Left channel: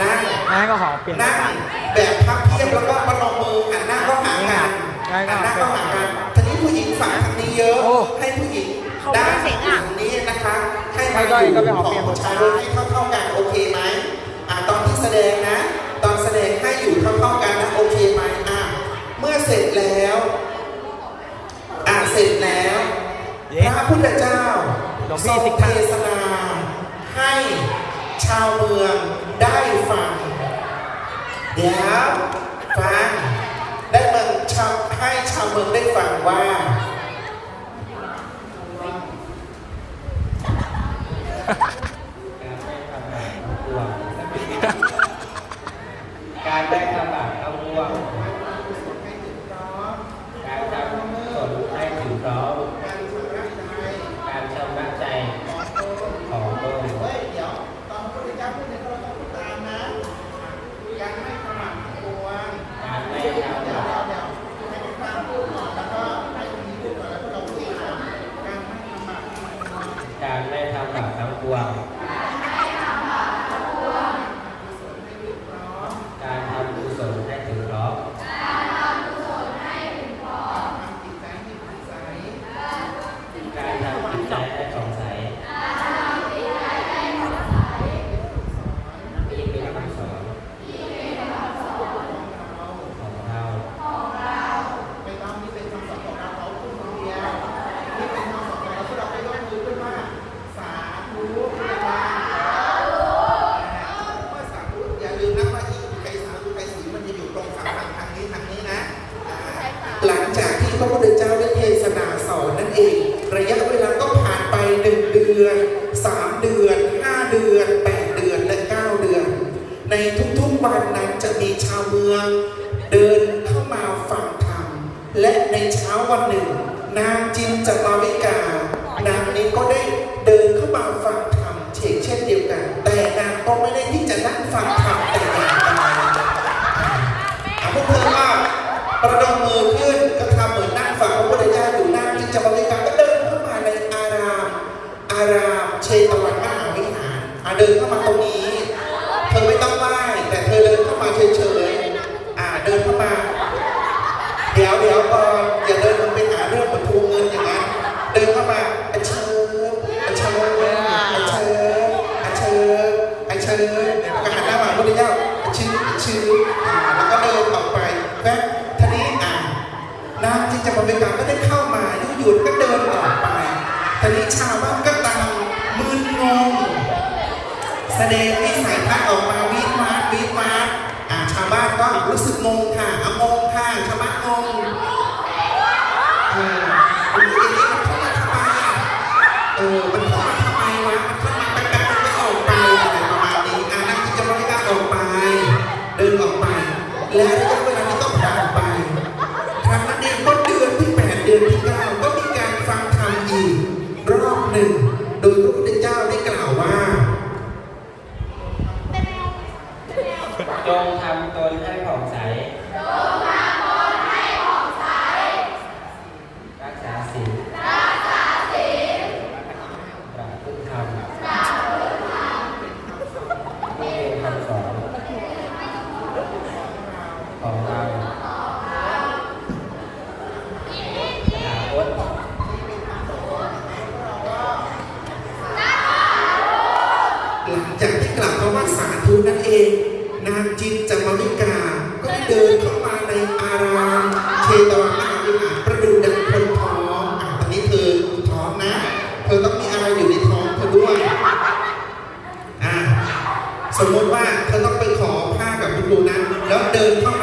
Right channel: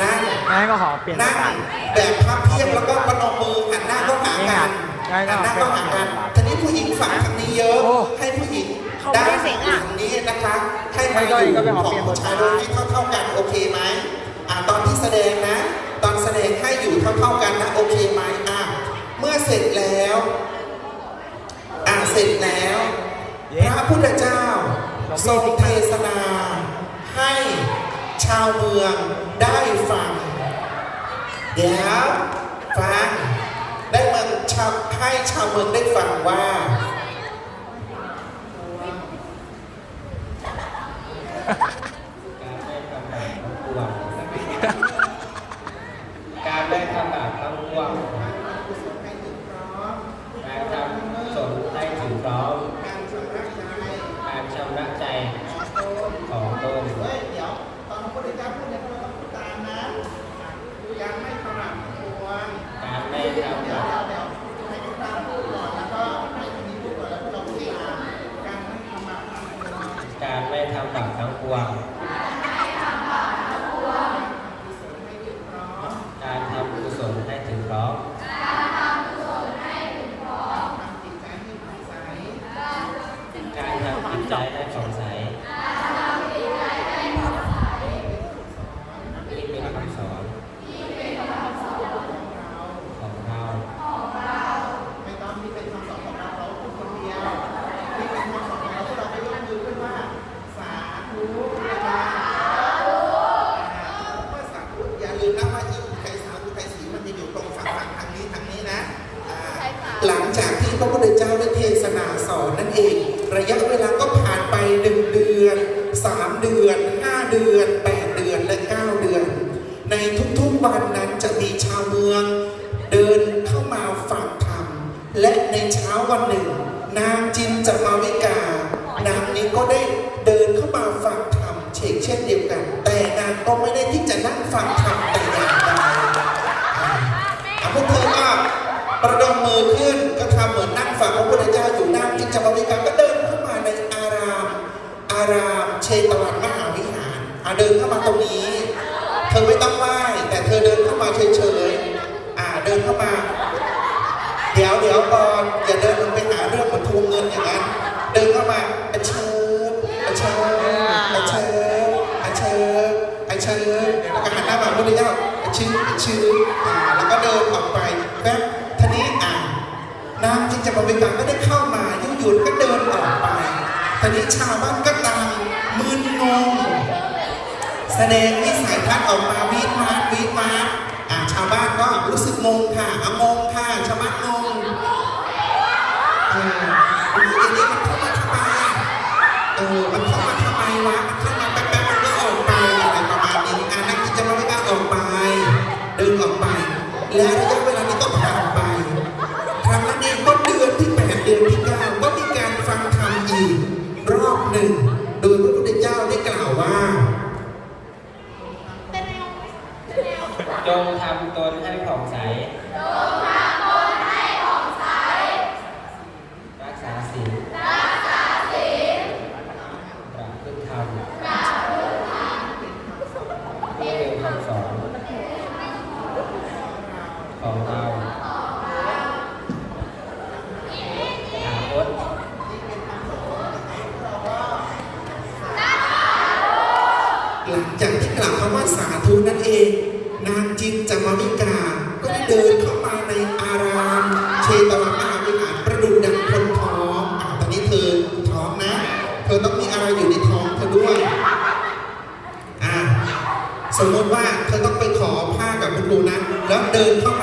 นั่งงั้นก็ขอเปลี่ยนบนั่ทงบาทแบบพับเพียบแล้วก็ประนมมือหันหน้าเข้าหานี่กัไงนงั้นก็หันหน้าเป็นเข้าหาเปลี่ยกันนบทบาททีนี้ผู้หญิงฝากทางนี้เยอะโอ้ให้ผู้หญิงด้านฝั่งนี้นะคะให้ให้ก้อยก็ไปขอเปลี่ยนบทชาบายทให้เท่าๆกันโอเคไหมอะตอนที่แสดงนะ ตอนแสดงให้อยู่เท่าๆกันนะโอเคไหมอะเมื่อเสร็จแล้วอะเสร็จแล้วพระพุทธเจ้าหลวงทพี่รง สิ เทศนาให้ชาวเมืองได้ฟัง เดี๋ยว ฟังได้เงินชาวให้ชาวเมืองได้ฟังว่าการได้ทำแบบทั้งปวงการทำกุศลให้ถึงพร้อม การชำระใจ การชำระใจ ของตน ของตน เฮ้ย เดี๋ยว ตอนพระพุทธเจ้าพูดเนี่ยเราต้องพูดตามนะการไม่ขมักขวง การไม่ เดี๋ยว ทำ เดี๋ยวเดี๋ยวเดี๋ยวให้คุณตามพูดก่อนแล้วก็ให้คนนี้พูดก่อนแล้วก็เราพูดตามการไม่ขมักขวง การไม่ทำแบบทั้งปวง กุศลให้ถึงพร้อม การทำกุศลให้ถึงพร้อม ทำจิตใจให้ผ่องใส การทำจิตใจให้ผ่องใส สอน ที่เป็นคำสอน ของเรา ของเรา ไม่ต้องนี่เป็นคำสอนของเราเราพูดคนเดียวนี่เป็นคำสอนของเราพวกเราไปยกมือขึ้นว่า สาธุนะคเมื่อสาธุอย่าลืมนะว่าอีกไกรสาธุไกรสีมันจะอยู่ตรงฝั่งฝั่งทางนี้ทางนี้นะอ่าหลังจากที่พ ระพุทธเจ้าได้เทศนาสอนนั่นเอง ระยะเวลาก็ผ่านไปหนึ่งเดือนสามเดือนห้าเดือนแปดเดือนและเก้าเดือน ในทุกๆวันนั้นจะมีชาวเมือง เดินเข้ามาฟังธรรมและในเช้าวันหนึ่ง นางจินจามาวิกานางนี้ก็ได้เดินเข้ามาฟังธรรมเช่นเช่นเดียวกันแต่ ชื่อชื่ออ่าแล้วก็เดินออกไปแป๊บทีนี้อ่านางที่จาวิกาก็ได้เข้ามาอยู่อยู่ๆก็เดินออกไปทีนี้ชาวบ้านก็กำลังมึนงงแสดงนิสัยทัศน์ออกมาวิทมาวิทมาอ่าชาวบ้านก็รู้สึกงงค่ะำว่าสาธุนั่นเอง นางจินจามิกาก็ได้เดินเข้ามาในอารามเชตวันมหาวิหารประดุจดังคนท้องอะตอนนี้เธอท้องนะ เธอต้องมีอะไรอยู่ในท้องเธอด้วยอะสมมติว่าเธอต้องไปขอผ้ากับคุณลุงนะแล้วเดินเข้า